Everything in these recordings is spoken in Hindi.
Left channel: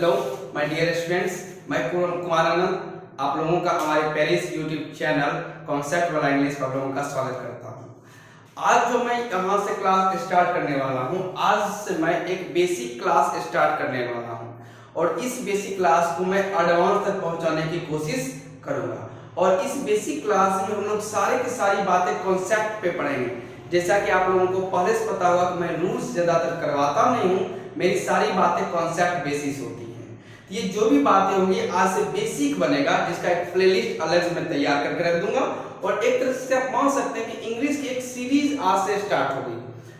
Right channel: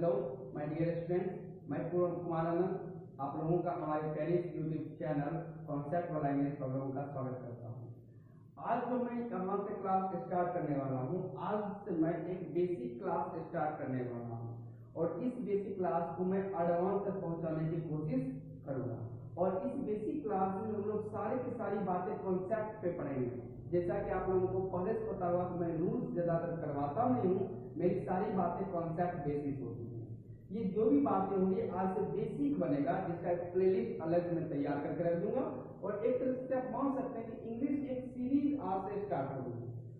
हेलो माय डियर स्टूडेंट्स, मैं कुमार आनंद आप लोगों का हमारे पेरिस यूट्यूब चैनल कॉन्सेप्ट वाला इंग्लिश पर आप लोगों का स्वागत करता हूं। आज जो मैं यहाँ से क्लास स्टार्ट करने वाला हूं, आज से मैं एक बेसिक क्लास स्टार्ट करने वाला हूं और इस बेसिक क्लास को मैं एडवांस तक पहुंचाने की कोशिश करूंगा। और इस बेसिक क्लास में हम लोग सारे की सारी बातें कॉन्सेप्ट पे पढ़ेंगे। जैसा कि आप लोगों को पहले से पता होगा कि मैं रूल्स ज़्यादातर करवाता नहीं हूँ, मेरी सारी बातें कॉन्सेप्ट बेसिस होती हैं। ये जो भी बातें होंगी आज से बेसिक बनेगा, जिसका एक प्लेलिस्ट अलग से मैं तैयार करके रख दूंगा। और एक तरह से आप मान सकते हैं कि इंग्लिश की एक सीरीज आज से स्टार्ट होगी,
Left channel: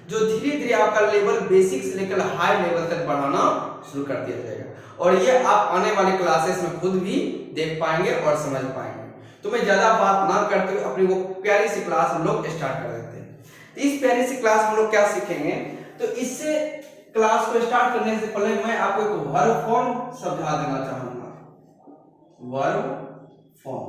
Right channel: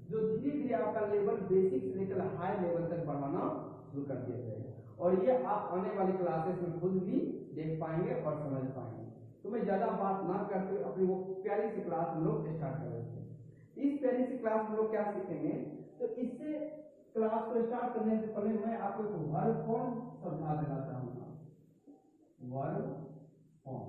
जो धीरे धीरे आपका लेवल बेसिक से लेकर हाई लेवल तक बढ़ाना शुरू कर दिया जाएगा। और ये आप आने वाली क्लासेस में खुद भी देख पाएंगे और समझ पाएंगे। तो मैं ज्यादा बात ना करते हुए अपनी वो प्यारी सी क्लास हम लोग स्टार्ट कर देते हैं। इस प्यारी सी क्लास हम लोग क्या सीखेंगे, तो इससे क्लास को स्टार्ट करने से पहले मैं आपको एक वर्ब फॉर्म समझा देना चाहूंगा। वर्ब फॉर्म,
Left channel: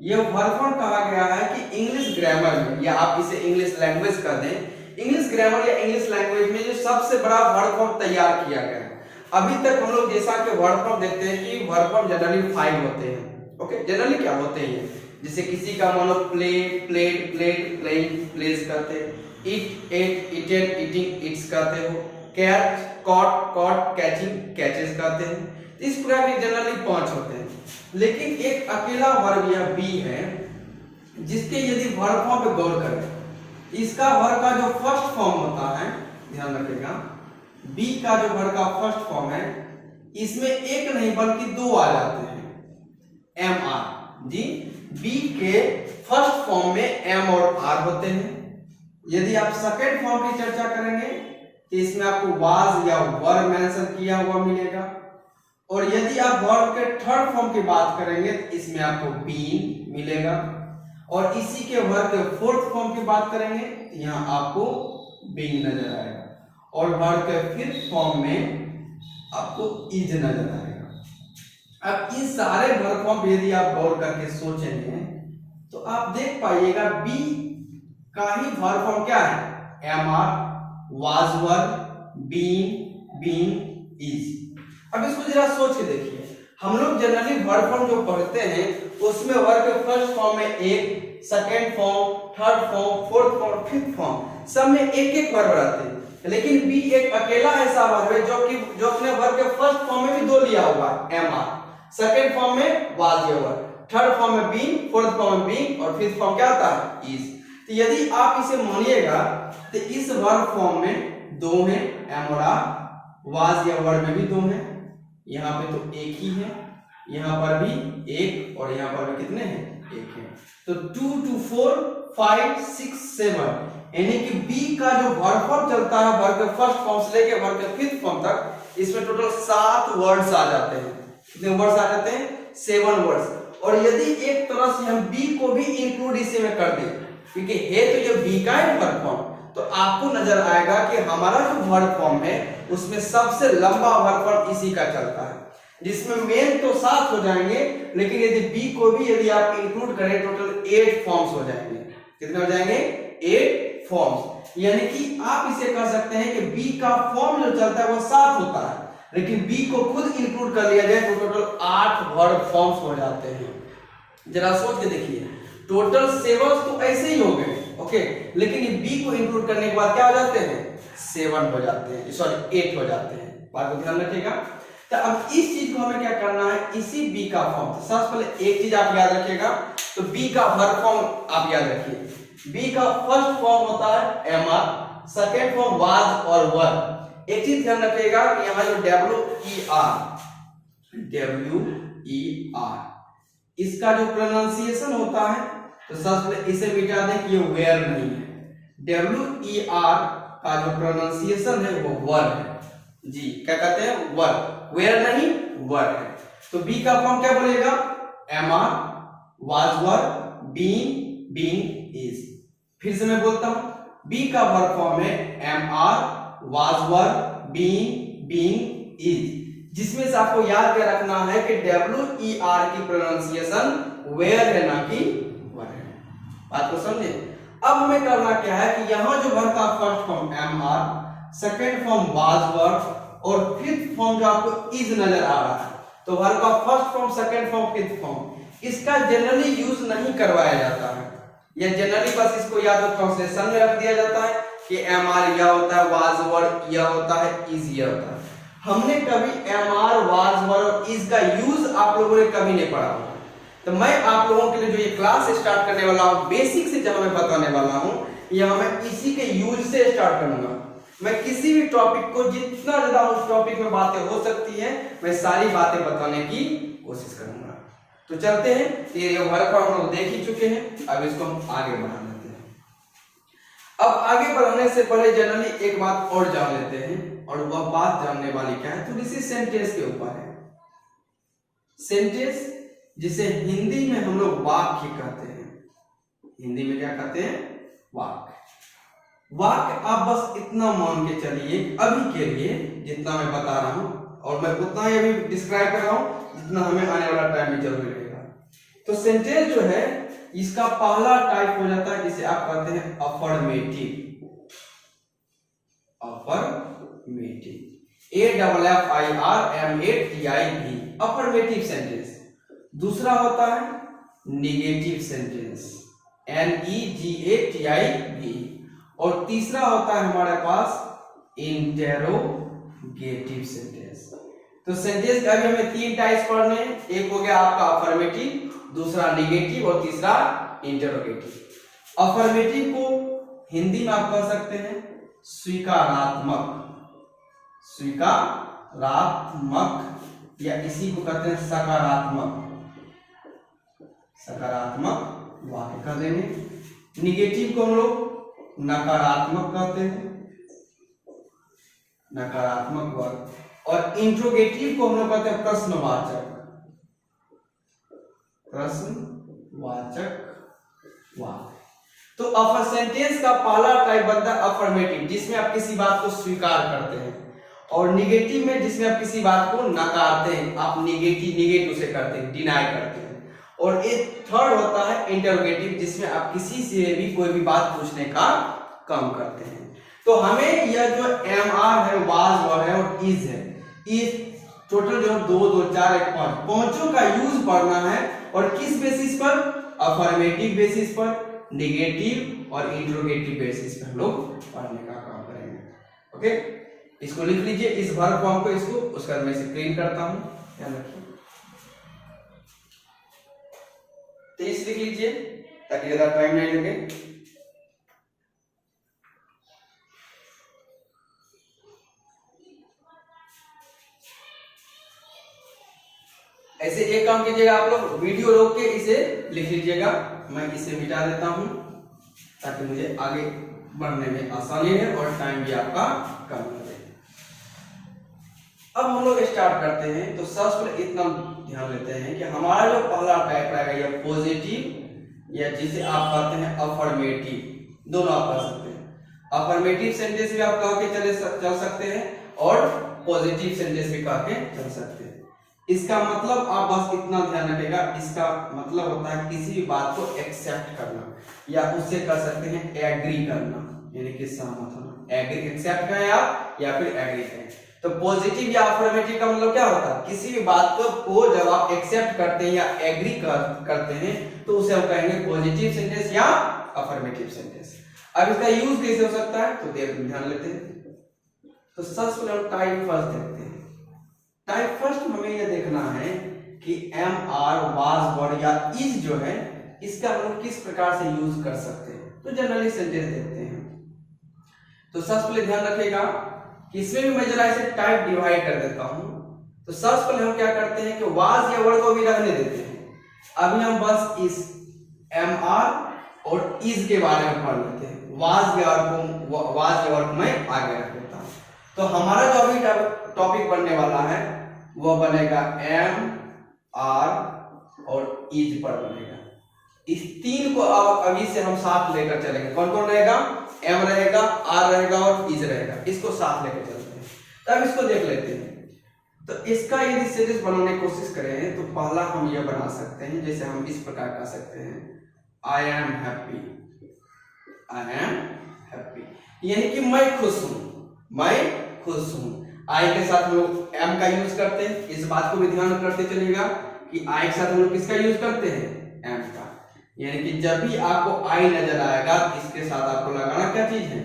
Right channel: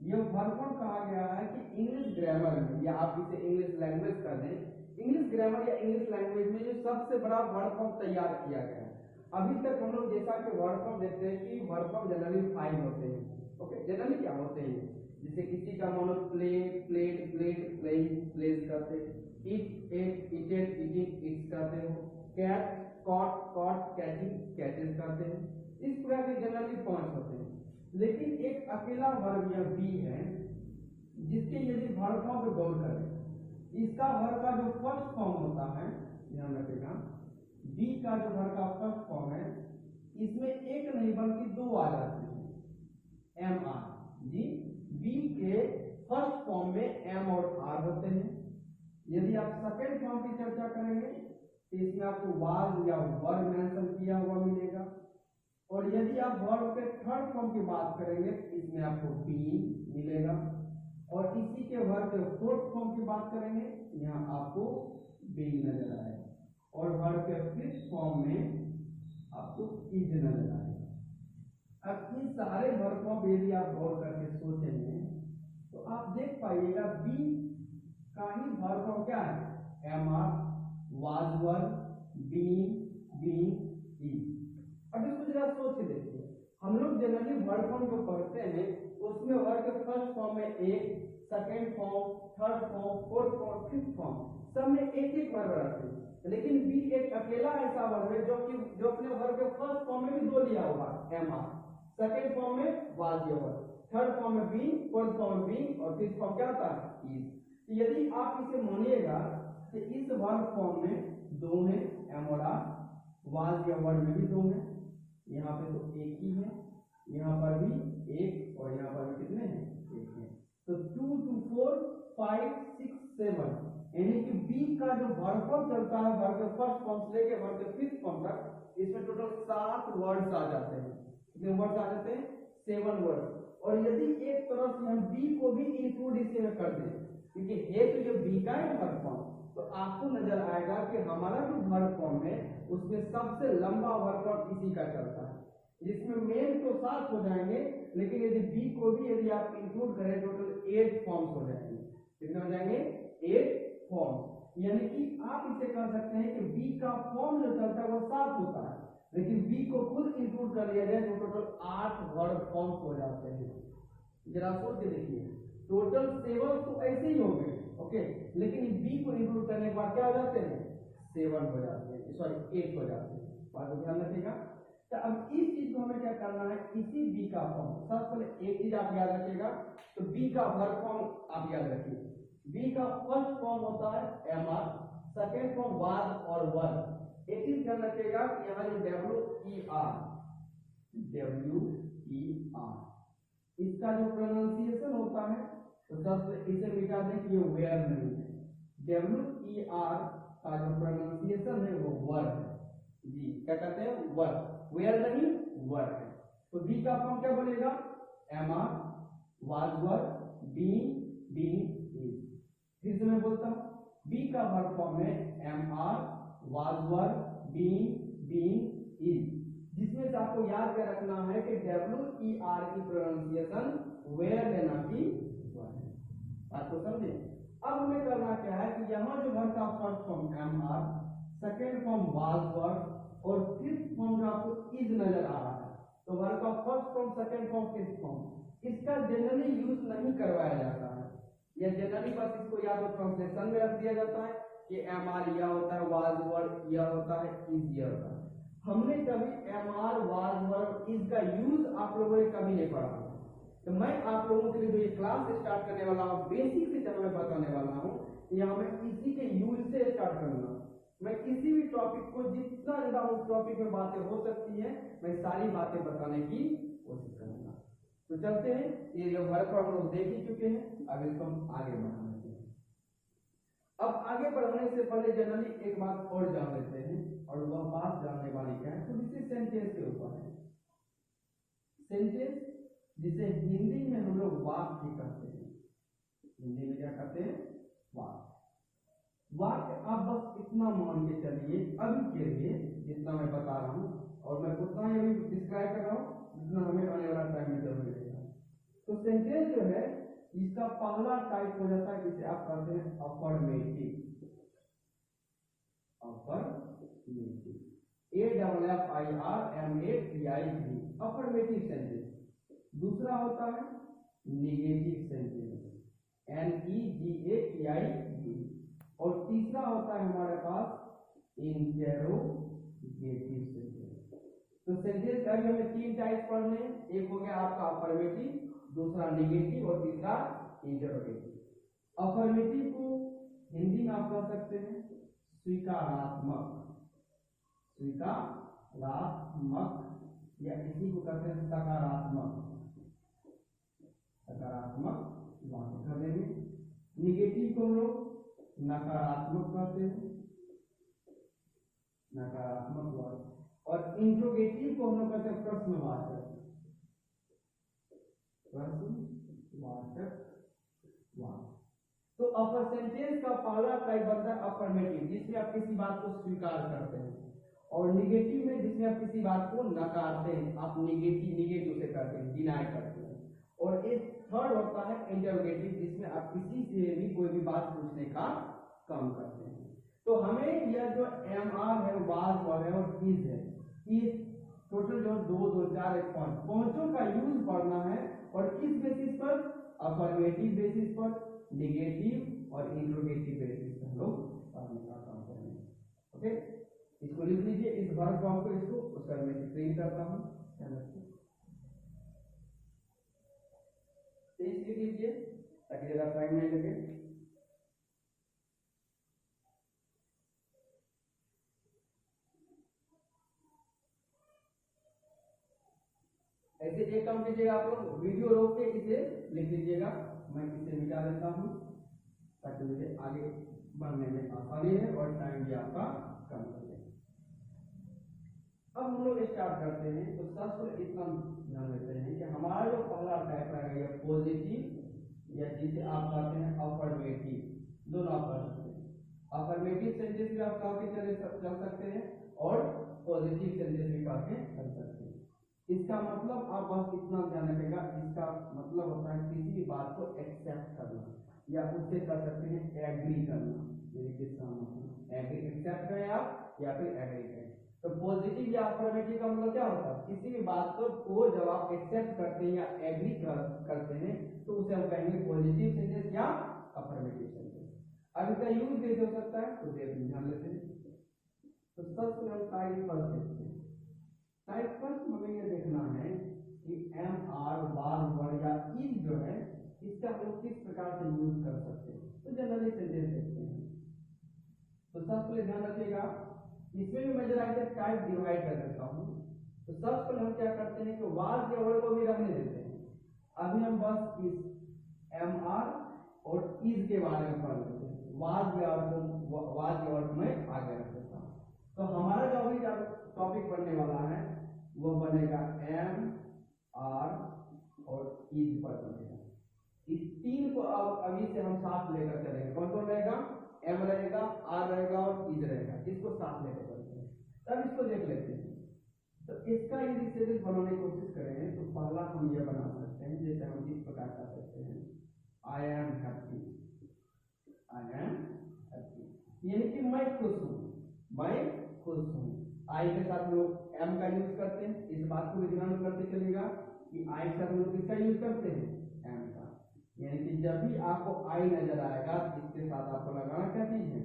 ये वर्ब फॉर्म कहा गया है कि इंग्लिश ग्रामर में, या आप इसे इंग्लिश लैंग्वेज कर दें, इंग्लिश ग्रामर या इंग्लिश लैंग्वेज में जो सबसे बड़ा वर्ब फॉर्म तैयार किया गया है। अभी तक हम लोग जैसा कि वर्ब फॉर्म देखते हैं कि वर्ब फॉर्म जनरली 5 होते हैं। ओके, जनरली क्या होते हैं, जैसे किसी का मानो play, played, played, playing, plays करते हैं, eat, ate, eated, eating, eats करते हो, catch, caught, caught, catching, catches करते हैं। इस प्रकार के जनरली 5 होते हैं। लेकिन एक अकेला वर्ब या बी है जिसके यदि वर्ब फॉर्म पे गौर करें, इसका वर्ब का जो फर्स्ट फॉर्म होता है, ध्यान रखिएगा, बी का जो वर्ब का फर्स्ट फॉर्म है, इसमें एक नहीं बल्कि 2 आ जाते हैं, एम आर। जी, बी के फर्स्ट फॉर्म में एम और आर होते हैं। यदि आप सेकेंड फॉर्म की चर्चा करेंगे तो इसमें आपको वाज या वर मेंशन किया हुआ मिलेगा। और यदि आप वर्ब के थर्ड फॉर्म की बात करेंगे तो इसमें आपको बीन मिलेगा। और इसी के वर्ब के फोर्थ फॉर्म की बात करेंगे तो यहाँ आपको बीन नजर आएगा। और वर्ब के फिफ्थ फॉर्म में आपको इज नजर आएगा। अब इस सारे वर्ब फॉर्म यदि आप गौर करके सोचेंगे तो आप देख पाइएगा बी का ही वर्ब फॉर्म क्या है, am are, was were, been, being, is। अब इसको जरा सोच के देखिए, हम लोग जनरली वर्ब फॉर्म जो पढ़ते हैं उसमें वर्ब के फर्स्ट फॉर्म में एक, second form, third form, fourth form, fifth form, सब में एक एक वर्ब रहते हैं। लेकिन बी एक अकेला ऐसा वर्ब है जो अपने वर्ब के फर्स्ट फॉर्म में भी 2 लिया हुआ है, एम आर, सेकेंड फॉर्म में was या were, थर्ड फॉर्म में been, फोर्थ फॉर्म में being और फिफ्थ फॉर्म क्या आता है, is। तो यदि आप इसे मानिएगा तो इस वर्ब फॉर्म में 2 हैं, एम और आर, वाज या वर्ड में भी 2 हैं, यहाँ पे तो एक ही है, यहाँ पर भी एक और यहाँ पर भी कितने हैं, एक है। तो 2 2 4 5 6 7, यानी कि बी का जो वर्ब फॉर्म चलता है वर्ब के फर्स्ट फॉर्म से लेकर वर्ब के फिफ्थ फॉर्म तक, इसमें टोटल 7 वर्ड्स आ जाते हैं। कितने वर्ड्स आ जाते हैं, 7 वर्ड्स। और यदि एक तरह से हम बी को भी इंक्लूड इसी में कर दें, क्योंकि है तो ये बी का ही वर्ब फॉर्म, तो आपको नजर आएगा कि हमारा जो वर्ब फॉर्म है उसमें सबसे लंबा वर्ब फॉर्म इसी का चलता है, जिसमें मेन तो 7 हो जाएंगे, लेकिन यदि बी को भी यदि आप इंक्लूड करें टोटल 8 फॉर्म्स हो जाएंगे। कितने हो जाएंगे, 8 फॉर्म्स। यानी कि आप इसे कह सकते हैं कि बी का फॉर्म जो चलता है वो 7 होता है, लेकिन बी को खुद इंक्लूड कर लिया जाए तो टोटल 8 वर्ब फॉर्म्स हो जाते हैं। जरा सोच के देखिए, टोटल 7 तो ऐसे ही हो गए, ओके, लेकिन ये बी को इंक्लूड करने के बाद क्या हो जाते हैं, 7 हो जाते हैं, सॉरी 8 हो जाते हैं। बात को ध्यान रखिएगा। तो अब इस चीज को हमें क्या करना है, इसी बी का फॉर्म, तो सबसे पहले एक चीज आप याद रखिएगा, तो बी का वर्ब फॉर्म आप याद रखिए। बी का फर्स्ट फॉर्म होता है am are, second form was और वर। एक चीज ध्यान रखिएगा कि यहाँ जो डब्ल्यू ई आर इसका जो प्रोनाउंसिएशन होता है, तो सबसे पहले इसे मिटा दें कि ये वेयर नहीं है। WER का जो प्रोनाउंसिएशन है वो वर है। जी, क्या कहते हैं, वर, वेयर नहीं, वर है। तो बी का फॉर्म क्या बोलेगा, am are, was were, been, being, is. फिर से मैं बोलता हूं, बी का वर्ब फॉर्म है am are, was were, been, being, is, जिसमें से आपको याद क्या रखना है कि WER की प्रोनाउंसिएशन वेयर है ना कि वर है। बात को समझे। अब हमें करना क्या है कि यहां जो वर्ब का first form am are, second form was were, और फिफ्थ फॉर्म जो आपको इज नजर आ रहा है, तो वर्ब का first form, second form, fifth form, इसका जनरली यूज नहीं करवाया जाता है। या जनरली बस इसको या तो ट्रांसलेशन में रख दिया जाता है कि एम आर यह होता है, वाज वर यह होता है, इज यह होता है। हमने कभी एम आर, वाज वर और इज का यूज आप लोगों ने कभी नहीं पढ़ा होगा। तो मैं आप लोगों के लिए जो ये क्लास स्टार्ट करने वाला हूँ, बेसिक से जहां मैं बताने वाला हूँ, यहाँ मैं इसी के यूज से स्टार्ट करूंगा। मैं किसी भी टॉपिक को जितना ज्यादा उस टॉपिक में बातें हो सकती हैं, मैं सारी बातें बताने की कोशिश करूंगा। तो चलते हैं, ये वर्क हम लोग देख ही चुके हैं, अब इसको हम आगे बढ़ा लेते हैं। अब आगे बढ़ने से पहले जनरली एक बात और जान लेते हैं, और वह बात जानने वाली क्या है, तो इसी सेंटेंस के ऊपर है। सेंटेंस जिसे हिंदी में हम लोग वाक्य कहते हैं। हिंदी में क्या कहते हैं? वाक्य। वाक्य आप बस इतना मान के चलिए अभी के लिए, जितना मैं बता रहा हूं, और मैं उतना ही अभी डिस्क्राइब कर रहा हूं जितना हमें आने वाला टाइम में जरूरी रहेगा। तो सेंटेंस जो है, इसका पहला टाइप हो जाता है जिसे आप कहते हैं affirmative. Affirmative, AFFIRMATIV, affirmative sentence. दूसरा होता है निगेटिव सेंटेंस, NEGATIV, और तीसरा होता है हमारे पास इंटेरोगेटिव सेंटेंस। तो सेंटेंस का अभी हमें तीन टाइप्स पढ़ने हैं। एक हो गया आपका अफर्मेटिव, दूसरा निगेटिव और तीसरा इंटेरोगेटिव। अफर्मेटिव को हिंदी में आप कह सकते हैं स्वीकारात्मक, स्वीकारात्मक, या इसी को कहते हैं सकारात्मक, सकारात्मक वाक्य कह देंगे। निगेटिव को हम लोग नकारात्मक कहते हैं, नकारात्मक वाक्य। और इंट्रोगेटिव को हम लोग कहते हैं प्रश्नवाचक, प्रश्नवाचक वाक्य। तो अफर सेंटेंस का पहला टाइप बनता है अफर्मेटिव, जिसमें आप किसी बात को स्वीकार करते हैं, और निगेटिव में जिसमें आप किसी बात को नकारते हैं, आप निगेटिव से करते हैं, डिनाई करते हैं। और एक थर्ड होता है इंटरोगेटिव, जिसमें आप किसी से भी कोई भी बात पूछने का काम करते हैं। तो हमें यह जो एम आर है, वाज वर है और इज है, इस टोटल जो 2 2 4 1 5 पांचों का यूज पढ़ना है। और किस बेसिस पर? अफर्मेटिव बेसिस पर, निगेटिव और इंटरोगेटिव बेसिस पर हम लोग पढ़ने का काम करेंगे। ओके, इसको लिख लीजिए, इस वर्ब फॉर्म को, इसको उसका मैं स्क्रीन करता हूं, ध्यान रखिए। तेज लिख लीजिए ताकि ज्यादा टाइम नहीं लगे। ऐसे एक काम कीजिएगा, आप लोग वीडियो रोक के इसे लिख लीजिएगा। मैं इसे मिटा देता हूं ताकि मुझे आगे बढ़ने में आसानी है और टाइम भी आपका कम लगे। अब हम लोग स्टार्ट करते हैं। तो सबसे पहले इतना ध्यान लेते हैं कि हमारा जो पहला टाइप रहेगा यह पॉजिटिव, या जिसे आप कहते हैं अफर्मेटिव, दोनों आप कर सकते हैं। अफर्मेटिव सेंटेंस भी आप कह के चल सकते हैं, और पॉजिटिव सेंटेंस भी कह के चल सकते हैं। इसका मतलब आप बस इतना ध्यान रखिएगा, इसका मतलब होता है किसी भी बात को एक्सेप्ट करना, या उससे कर सकते हैं एग्री करना, यानी कि सहमत होना। एग्री, एक्सेप्ट करें आप या फिर एग्री करें। तो पॉजिटिव या अफर्मेटिव का मतलब क्या होता है? किसी भी बात को जब आप एक्सेप्ट करते हैं या एग्री करते हैं, तो उसे हम कहेंगे पॉजिटिव सेंटेंस या अफर्मेटिव सेंटेंस। अब इसका यूज कैसे हो सकता है, तो ध्यान लेते हैं। तो सबसे पहले हम टाइप फर्स्ट देखते हैं। टाइप फर्स्ट हमें यह देखना है कि एम आर, वाज, वर या इज जो है, इसका हम लोग किस प्रकार से यूज कर सकते हैं। तो जनरली सेंटेंस देखते हैं। तो सबसे पहले ध्यान रखिएगा कि इसमें भी मैं जरा इसे टाइप डिवाइड कर देता हूं। तो सबसे पहले हम क्या करते हैं कि वाज या वर को भी रखने देते हैं। अभी हम बस इस एम आर और इज के बारे में पढ़ लेते हैं। वाज या वर को मैं आगे रख देता हूं। तो हमारा जो अभी टॉपिक बनने वाला है वो बनेगा एम आर और इज पर बनेगा। इस तीन को अब अभी से हम साथ लेकर चलेंगे। कौन कौन रहेगा? एम रहेगा, आर रहेगा और इज रहेगा। इसको साथ लेकर चलते हैं। तब इसको देख लेते हैं। तो इसका यदि सीरीज बनाने की कोशिश करें तो पहला हम ये बना सकते हैं, जैसे हम इस प्रकार कर सकते हैं, I am happy, I am happy, यानी कि मैं खुश हूं, मैं खुश हूं। आई के साथ हम लोग एम का यूज करते हैं, इस बात को भी ध्यान करते चलिएगा कि आई के साथ हम लोग किसका यूज करते हैं, एम का। यानी कि जब भी आपको आई नजर आएगा इसके साथ आपको लगाना क्या चीज है,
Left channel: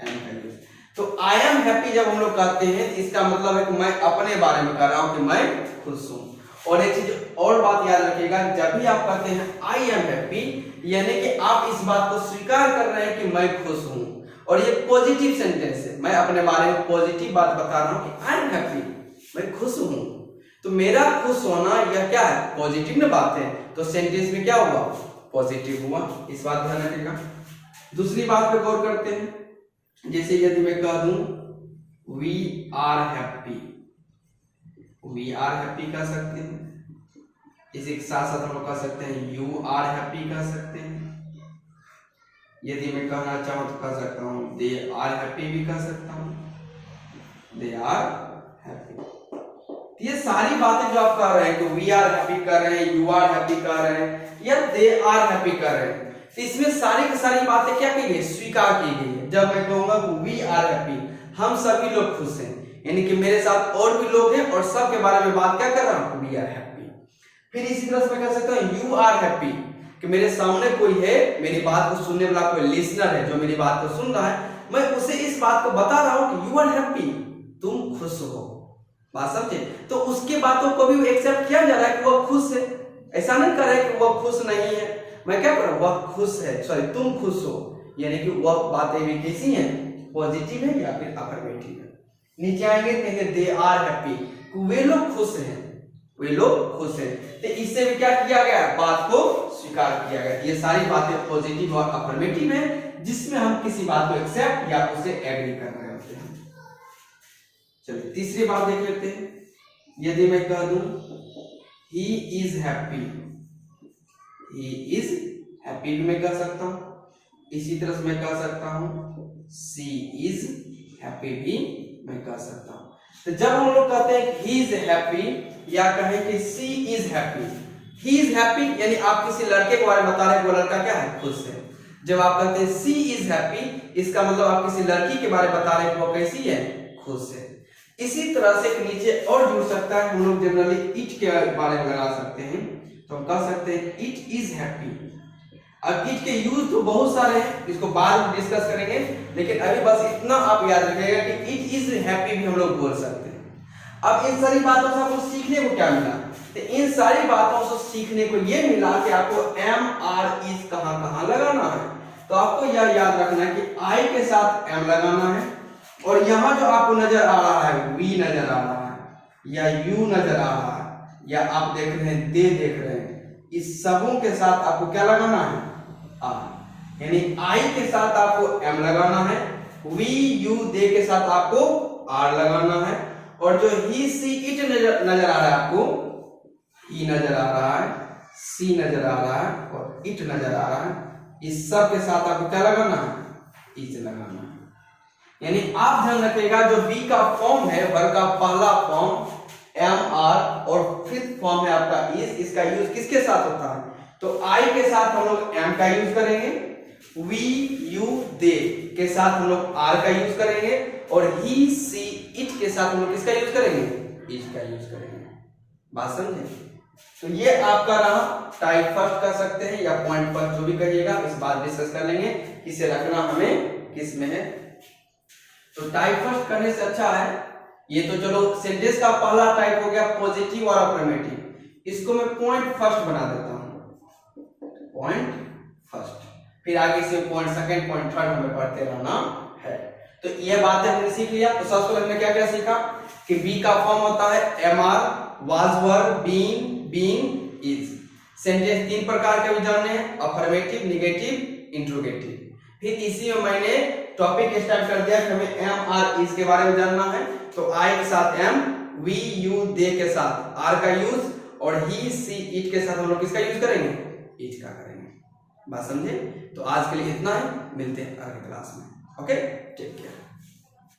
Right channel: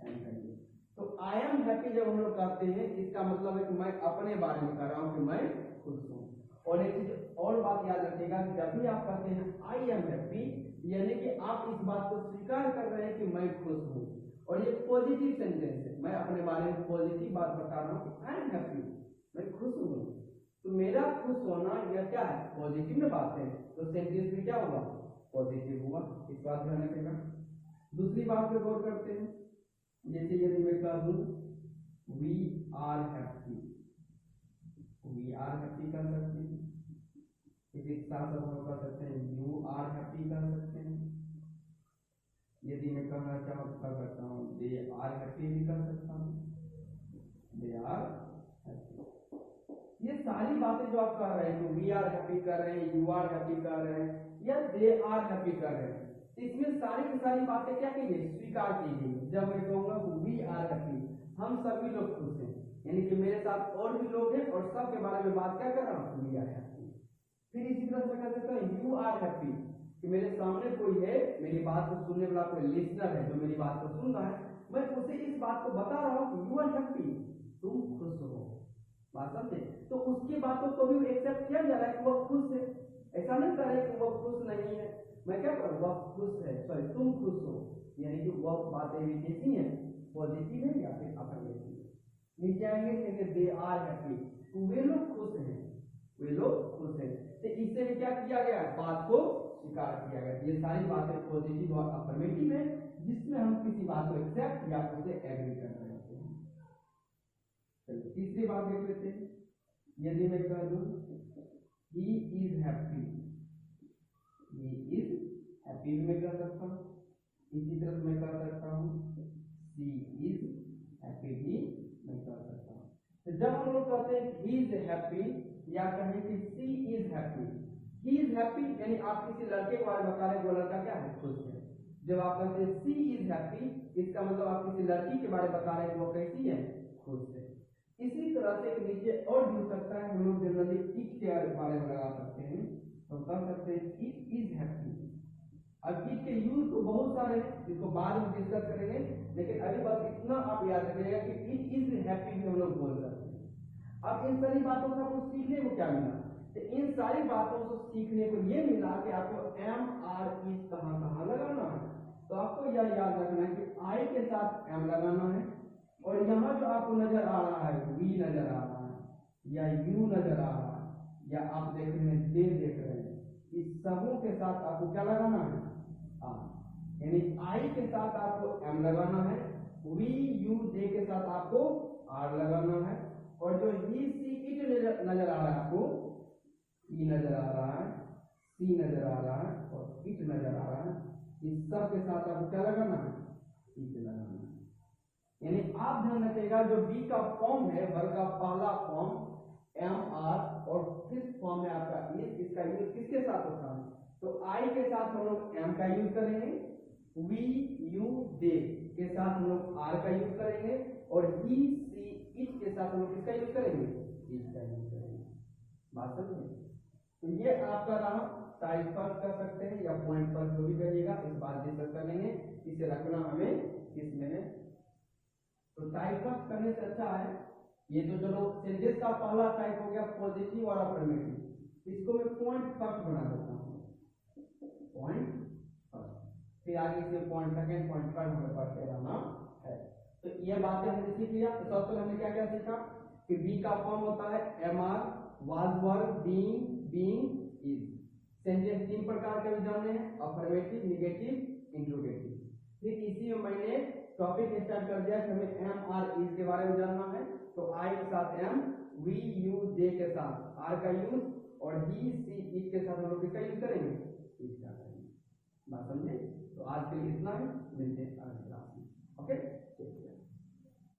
एम का यूज। तो आई एम हैप्पी जब हम लोग कहते हैं इसका मतलब है कि मैं अपने बारे में कह रहा हूं कि मैं खुश हूं। और एक चीज और बात याद रखिएगा, जब भी आप कहते हैं आई एम हैप्पी यानी कि आप इस बात को स्वीकार कर रहे हैं कि मैं खुश हूं, और ये पॉजिटिव सेंटेंस है, मैं अपने बारे में पॉजिटिव बात बता रहा हूं कि आई एम हैप्पी, मैं खुश हूं। तो मेरा खुश होना यह क्या है, पॉजिटिव ना बात है, तो सेंटेंस में क्या हुआ, पॉजिटिव हुआ। इस बात ध्यान रखिएगा। दूसरी बात पे गौर करते हैं, जैसे यदि मैं कह दूं we are happy, we are happy कह सकते हैं, इसी के साथ साथ हम लोग कह सकते हैं यू आर हैप्पी कह सकते हैं। यदि मैं कहना चाहूं तो कह सकता हूं दे आर हैप्पी भी कह सकता हूं, दे आर हैप्पी। ये सारी बातें जो आप कह रहे हैं, तो वी आर हैप्पी कर रहे हैं, यू आर हैप्पी कर रहे हैं, या दे आर हैप्पी कर रहे हैं, तो इसमें सारी की सारी बातें क्या की गई, स्वीकार की गई है। जब मैं कहूंगा वी आर हैप्पी, हम सभी लोग खुश हैं, यानी कि मेरे साथ और भी लोग हैं और सब के बारे में बात क्या कर रहा हूं, वी आर हैप्पी। फिर इसी तरह से मैं कह सकता हूं यू आर हैप्पी, कि मेरे सामने कोई है, मेरी बात को सुनने वाला कोई लिसनर है जो मेरी बात को सुन रहा है, मैं उसे इस बात को बता रहा हूं कि यू आर हैप्पी, तुम खुश हो। बात समझे? तो उसके बातों को भी एक्सेप्ट किया जा रहा है कि वह खुश है, ऐसा नहीं कर रहा है कि वह खुश नहीं है। मैं क्या कर रहा हूं, वह खुश है, सॉरी तुम खुश हो, यानी कि वह बातें भी कैसी हैं, पॉजिटिव है या फिर अफर्मेटिव है। नीचे आएंगे कहेंगे दे आर हैप्पी, वे लोग खुश हैं, वे लोग खुश हैं। तो इससे भी क्या किया गया, बात को स्वीकार किया गया। ये सारी बातें पॉजिटिव और अफर्मेटिव है, जिसमें हम किसी बात को एक्सेप्ट या उसे एग्री कर रहे होते हैं। चलिए तीसरी बात देख लेते हैं। यदि मैं कह दूं he is happy, he is happy भी मैं कह सकता हूं। इसी तरह से मैं कह सकता हूं शी इज हैप्पी भी मैं कह सकता हूं। तो जब हम लोग कहते हैं ही इज हैप्पी या कहें कि she is happy, he is happy यानी आप किसी लड़के के बारे में बता रहे हैं, वो लड़का क्या है, खुश है। जब आप कहते हैं शी इज हैप्पी, इसका मतलब आप किसी लड़की के बारे में बता रहे हैं कि वो कैसी है, खुश है। इसी तरह से नीचे और जुड़ सकता है, हम लोग जनरली इट के बारे में लगा सकते हैं, तो हम कह सकते हैं इट इज हैप्पी। अब इट के यूज तो बहुत सारे हैं, इसको बाद में डिस्कस करेंगे, लेकिन अभी बस इतना आप याद रखिएगा कि इट इज हैप्पी भी हम लोग बोल सकते हैं। अब इन सारी बातों से आपको सीखने को क्या मिला, तो इन सारी बातों से सीखने को ये मिला कि आपको एम आर इज कहां लगाना है। तो आपको यह याद रखना है कि आई के साथ एम लगाना है, और यहां जो आपको नजर आ रहा है वी नजर आ रहा है या यू नजर आ रहा है या आप देख रहे हैं दे देख रहे हैं, इस सबों के साथ आपको क्या लगाना है, आर। यानी आई के साथ आपको एम लगाना है, वी यू दे के साथ आपको आर लगाना है, और जो ही सी इट नजर आ रहा है आपको ई नजर आ रहा है, सी नजर आ रहा है और इट नजर आ रहा है, इस सब के साथ आपको क्या लगाना है, इज लगाना है। यानी आप ध्यान रखिएगा जो बी का फॉर्म है, वर्ग का पहला फॉर्म एम आर और फिफ्थ फॉर्म है आपका इज, इसका यूज किसके साथ होता है, तो आई के साथ हम लोग एम का यूज करेंगे, वी यू दे के साथ हम लोग आर का यूज करेंगे, और ही सी इट के साथ हम लोग किसका यूज करेंगे, इज का यूज करेंगे। बात समझे? तो ये आपका रहा टाइप फर्स्ट कर सकते हैं या पॉइंट फर्स्ट, जो भी कहिएगा इस बात डिस्कस कर लेंगे, किसे रखना हमें किस में है। तो टाइप फर्स्ट करने से अच्छा है, ये तो चलो सेंटेंस का पहला टाइप हो गया पॉजिटिव और अफर्मेटिव, इसको मैं पॉइंट फर्स्ट बना देता हूं, पॉइंट फर्स्ट, फिर आगे से पॉइंट सेकंड पॉइंट थर्ड हमें पढ़ते रहना है। तो ये बातें हमने सीख लिया। तो सबसे पहले हमने क्या क्या सीखा कि बी का फॉर्म होता है am are, was were, being, is. Sentence तीन प्रकार के भी जानने हैं, अफर्मेटिव, नेगेटिव, इंट्रोगेटिव। फिर इसी में मैंने टॉपिक स्टार्ट कर दिया कि हमें एम आर इज के बारे में जानना है, तो आई के साथ एम, वी यू दे के साथ आर का यूज, और ही सी इट के साथ हम लोग किसका यूज करेंगे, इज का करेंगे। बात समझे? तो आज के लिए इतना ही, मिलते हैं अगली क्लास में। Okay, take care.